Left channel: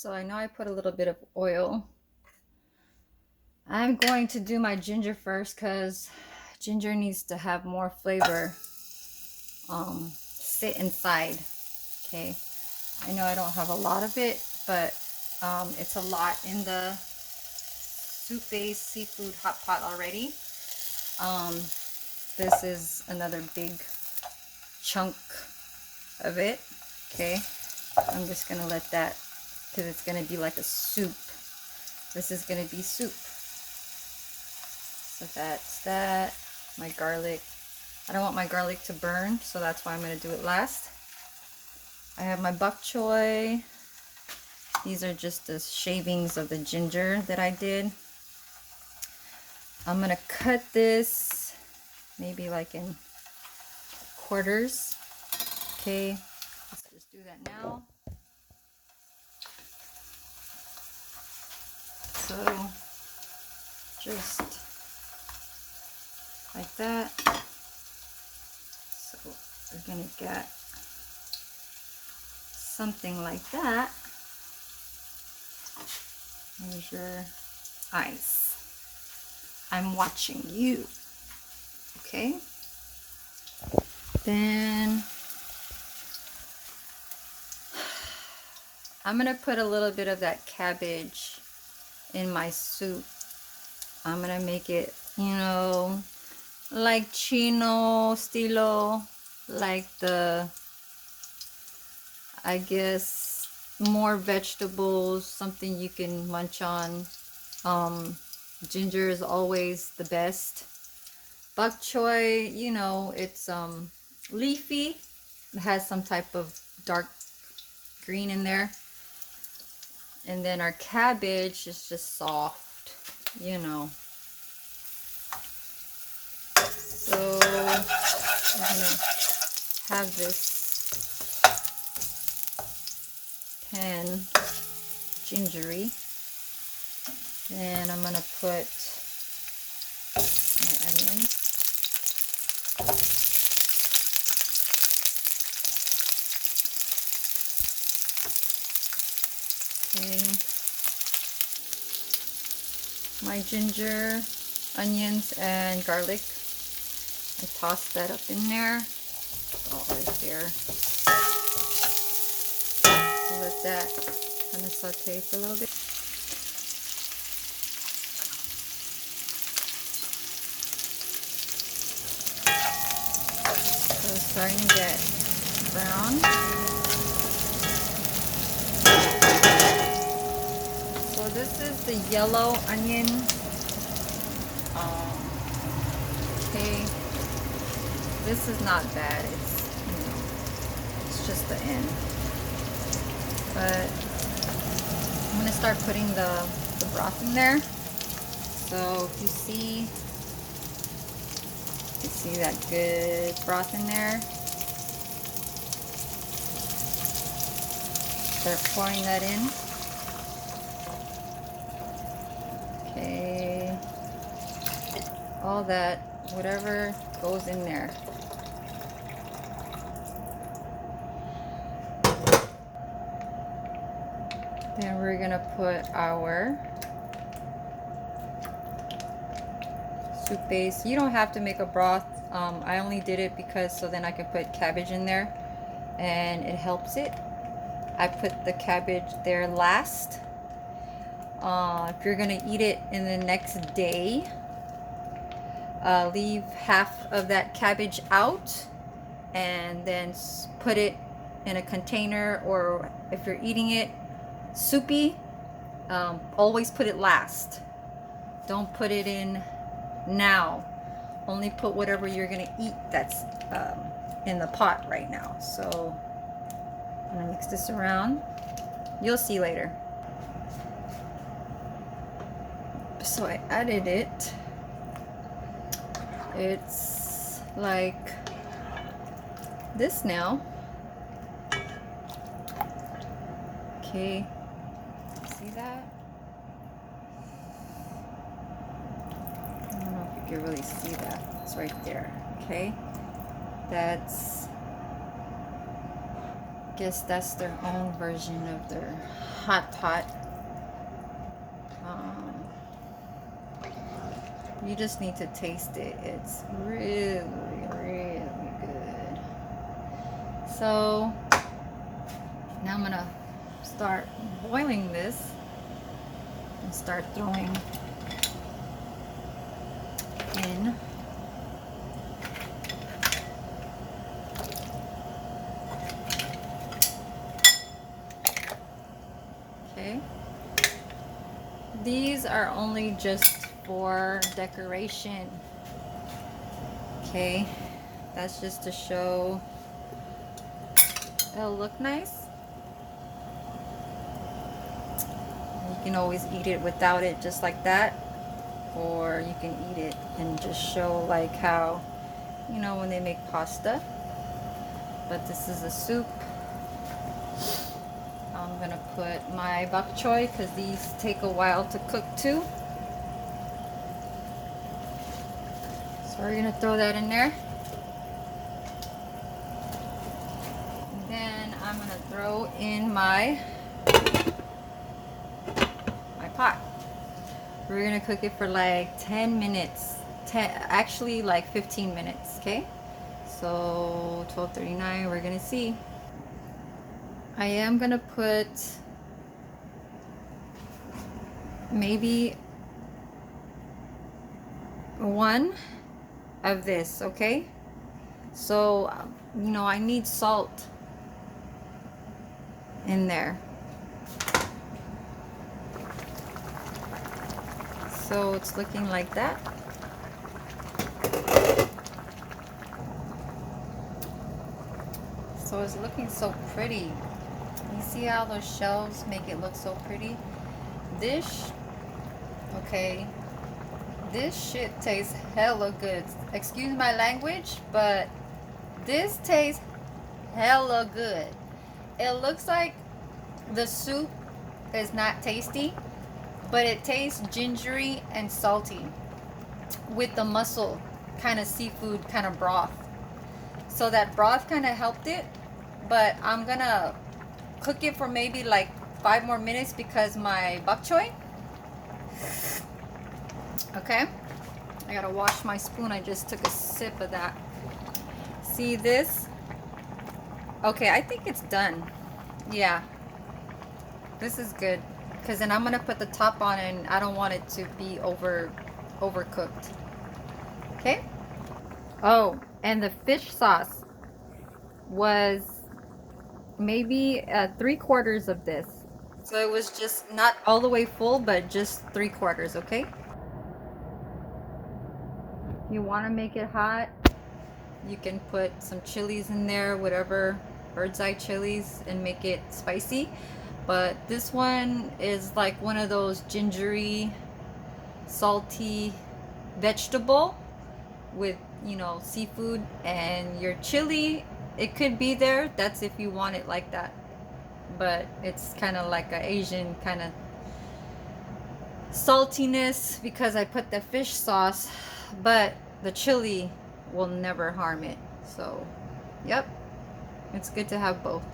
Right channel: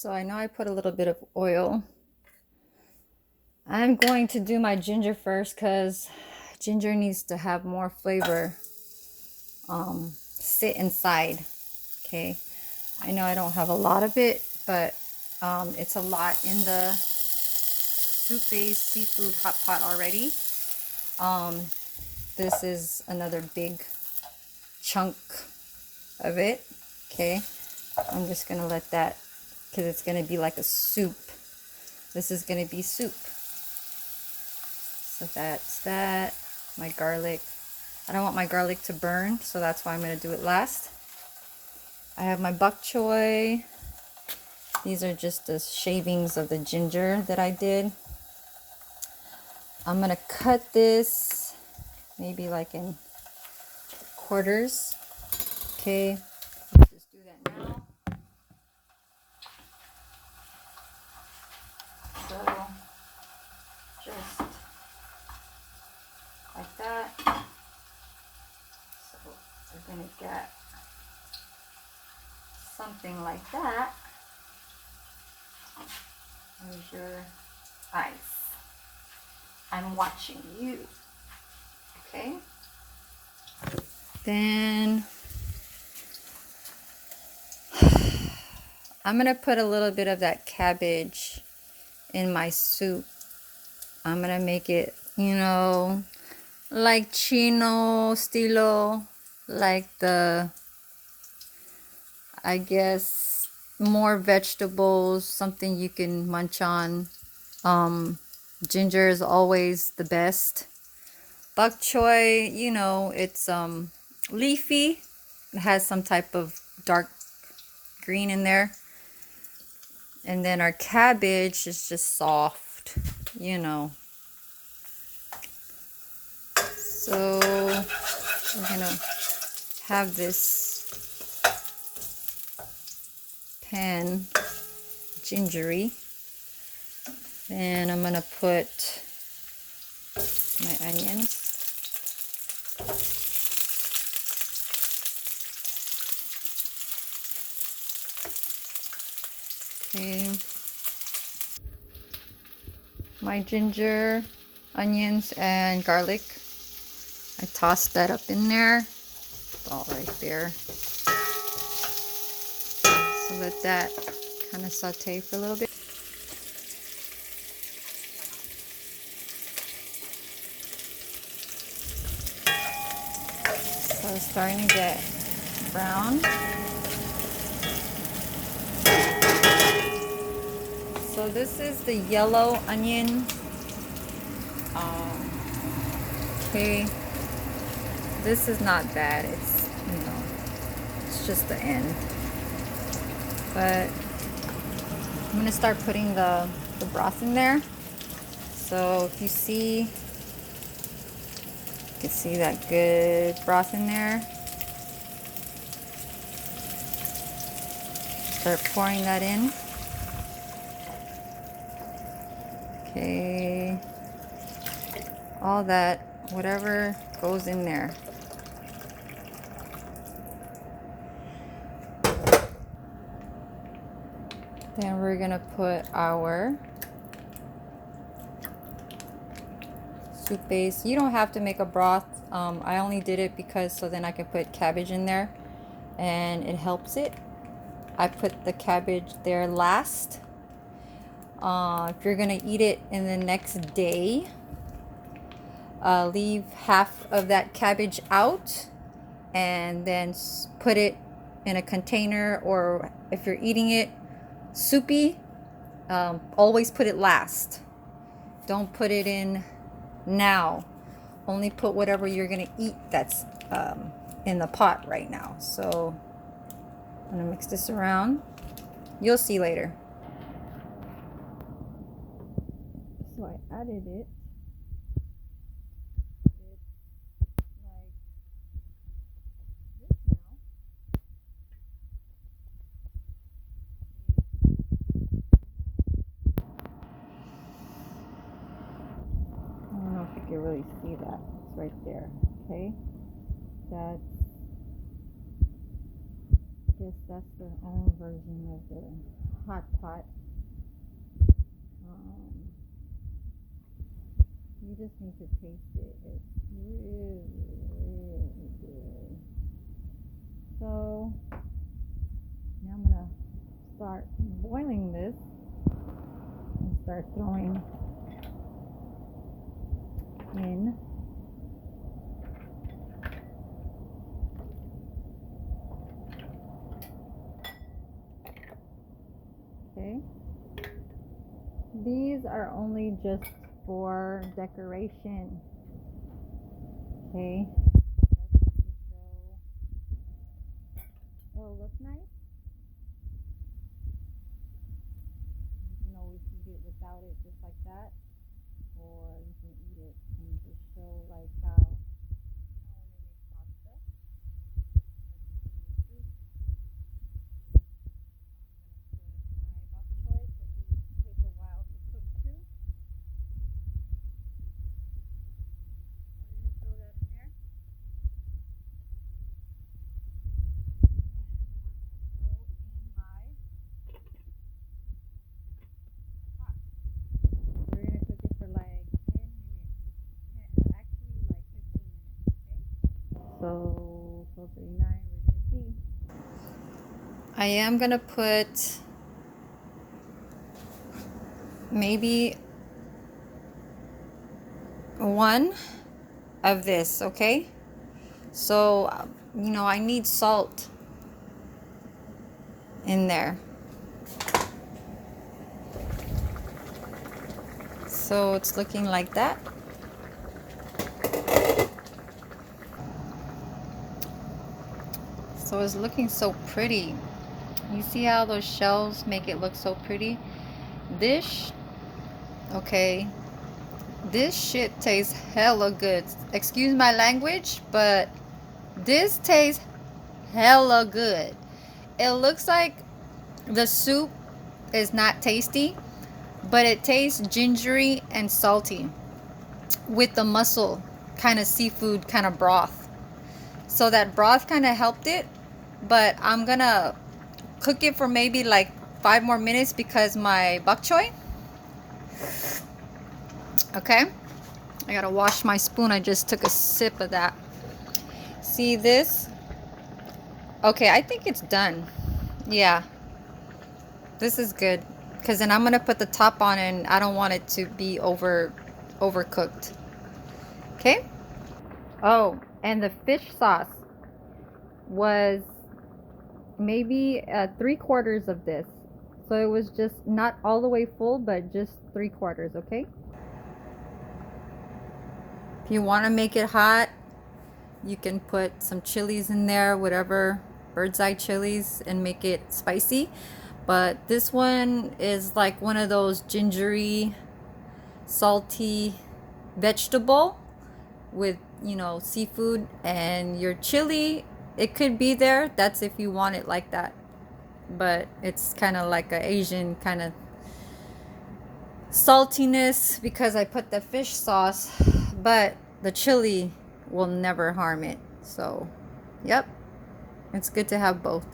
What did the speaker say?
So I know I put a little bit of oil. I'm going to do my ginger first because ginger needs to have more flavor sit inside. Okay, I know I don't have a lot of it, but it's a lot in the soup-based seafood hot pot already. This is another big chunk of it. Okay, I'm just gonna let that, because it's gonna be like a soup. This is gonna be soup. So that's that. My garlic. I don't want my garlic to burn, so that's why I'm gonna do it last. I have my bok choy. These are just the shavings of the ginger that I did. I'm gonna cut this maybe like in quarters. Okay, let's just do that now. So just like that. So we're gonna get something like that. There's your eyes. I'm watching you. Okay. Then I'm gonna put a little bit of that cabbage in my soup. I'm gonna make it, like Chino stilo, like the, I guess, more vegetables, something you can munch on. Ginger is always the best. Bok choy, it's leafy. It has some type of dark green in there. And then our cabbage is just soft, So we're gonna have this pan gingery. And I'm gonna put my onions. Okay. My ginger, onions, and garlic. I tossed that up in there. It's all right there. So let that kind of saute for a little bit. So it's starting to get brown. So this is the yellow onion. Okay, this is not bad. It's just the end. But I'm gonna start putting the broth in there. So if you can see that good broth in there. Start pouring that in. Okay, all that, whatever goes in there. Then we're gonna put our soup base. You don't have to make a broth. I only did it because so then I could put cabbage in there and it helps it. I put the cabbage there last. If you're gonna eat it in the next day, leave half of that cabbage out and then put it in a container, or if you're eating it soupy, always put it last. Don't put it in now. Only put whatever you're gonna eat that's in the pot right now. So I'm gonna mix this around. You'll see later. So I added it. It's like this now. Okay, see that? I don't know if you can really see that. It's right there. Okay, that's guess that's their own version of their hot pot. You just need to taste it. It's really, really good. So now I'm gonna start boiling this and start throwing in okay. These are only just for decoration. Okay, that's just to show it'll look nice. You can always eat it without it, just like that, or you can eat it and just show like how, you know, when they make pasta. But this is a soup. I'm gonna put my bok choy because these take a while to cook too. So we're gonna throw that in there. Then I'm gonna throw in my pot. We're gonna cook it for like 10 minutes. Actually like 15 minutes, okay? So 12:39, we're gonna see. I am gonna put maybe one of this, okay? So, you know, I need salt in there. So it's looking like that. So it's looking so pretty. You see how those shells make it look so pretty? This, okay, this shit tastes hella good. Excuse my language, but this tastes hella good. It looks like the soup is not tasty, but it tastes gingery and salty with the mussel kind of seafood kind of broth. So that broth kind of helped it, but I'm gonna cook it for maybe like 5 more minutes because my bok choy. Okay, I gotta wash my spoon. I just took a sip of that. See this? Okay, I think it's done. Yeah, this is good because then I'm gonna put the top on and I don't want it to be overcooked. Okay. Oh, and the fish sauce was maybe 3/4 of this. So it was just not all the way full, but just 3/4, okay? If you want to make it hot, you can put some chilies in there, whatever, bird's eye chilies, and make it spicy. But this one is like one of those gingery, salty vegetable with, you know, seafood, and your chili, it could be there. That's if you want it like that. But it's kind of like an Asian kind of saltiness because I put the fish sauce, but the chili will never harm it. So, yep, it's good to have both.